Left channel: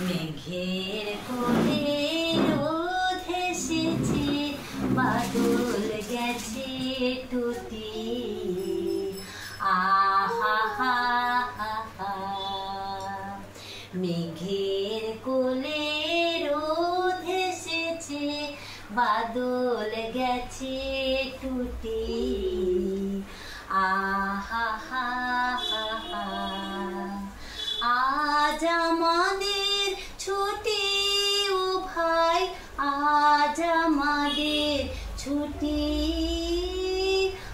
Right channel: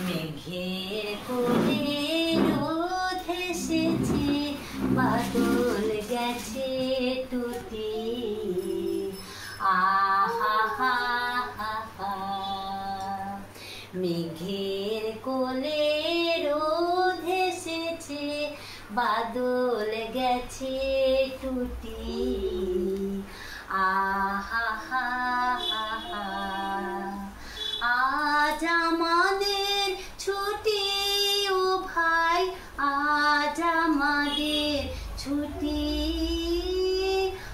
মেঘের কোলে রোদ এসেছে, বাদল গেছে টুটি। আহা হা হা হা। মেঘের কোলে রোদ এসেছে, বাদল গেছে টুটি। আহা হা হা হা। আজ আমাদের ছুটি ও ভাই, আজ আমাদের ছুটি।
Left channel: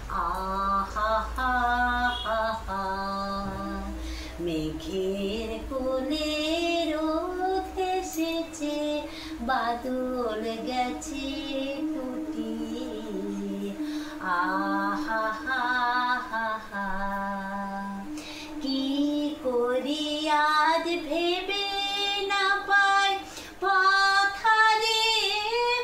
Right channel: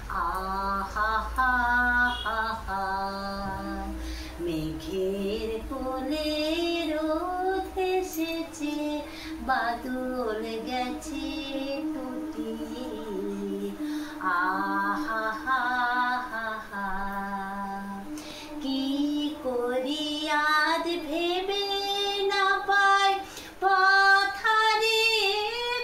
আহা হা হা হা। মেঘের কোলে রোদ এসেছে, বাদল গেছে টুটি। আহা হা হা হা। কি করি আজ ভেবে না পাই, পথ হারিয়ে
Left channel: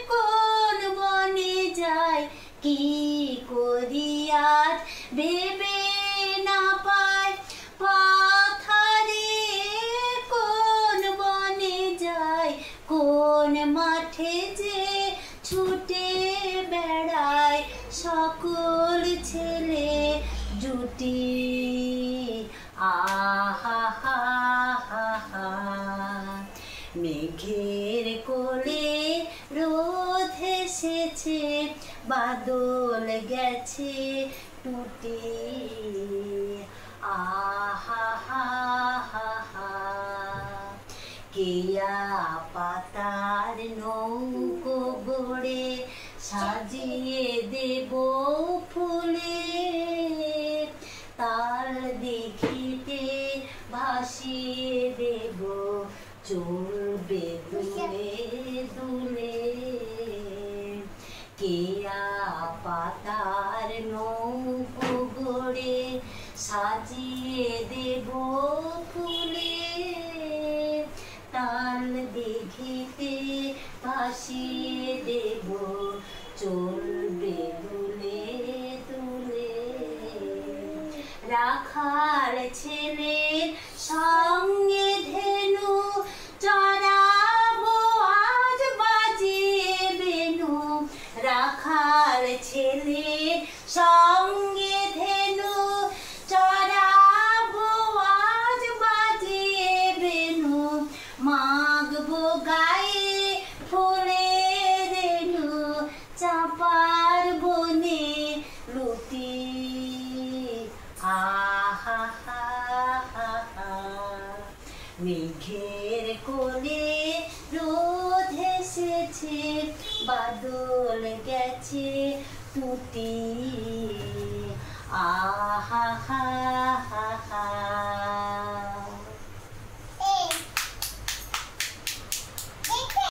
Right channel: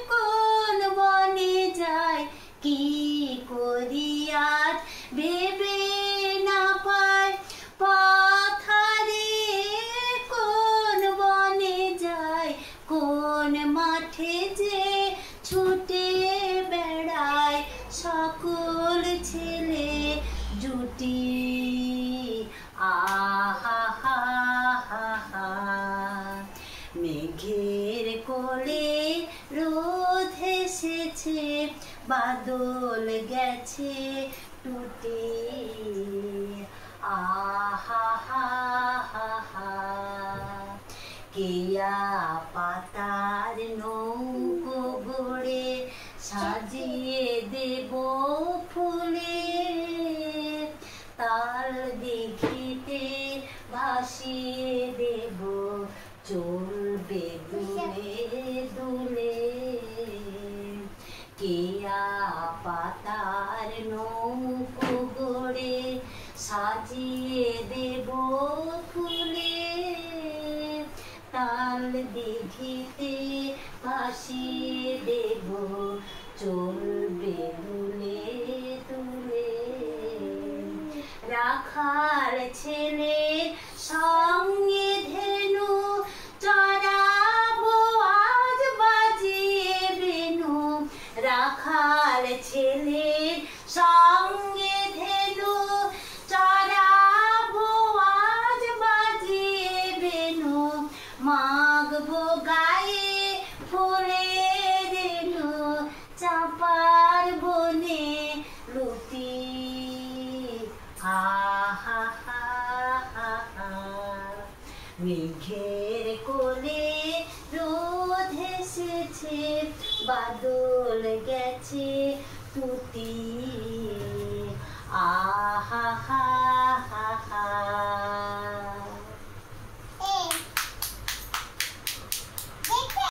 কোন বনে যাই। কি করি আজ ভেবে না পাই, পথ হারিয়ে কোন বনে যাই। কোন মাঠে যে ছুটে বেড়ায় সকল ছেলে জুটি। আহা হা হা হা। মেঘের কোলে রোদ এসেছে, বাদল গেছে টুটি। আহা হা হা হা। কেয়া পাতার নৌকো গড়ে সাজিয়ে দেব ফুলে, তার দিঘিতে ভাসিয়ে দেব চলবে দুলে দুলে। কেয়া পাতার নৌকো গড়ে সাজিয়ে দেব ফুলে, তার দিঘিতে ভাসিয়ে দেব চলবে দুলে দুলে। রাখাল ছেলে সঙ্গে ধেনু চড়াবো আজ বাজিয়ে বেনু। রাখাল ছেলে সঙ্গে ধেনু চড়াবো আজ বাজিয়ে বেনু। মাগবো গায়ে ফুলের রেণু, চাঁপার বনে লুটি। আহা হা হা হা। মেঘের কোলে রোদ এসেছে, বাদল গেছে টুটি। আহা হা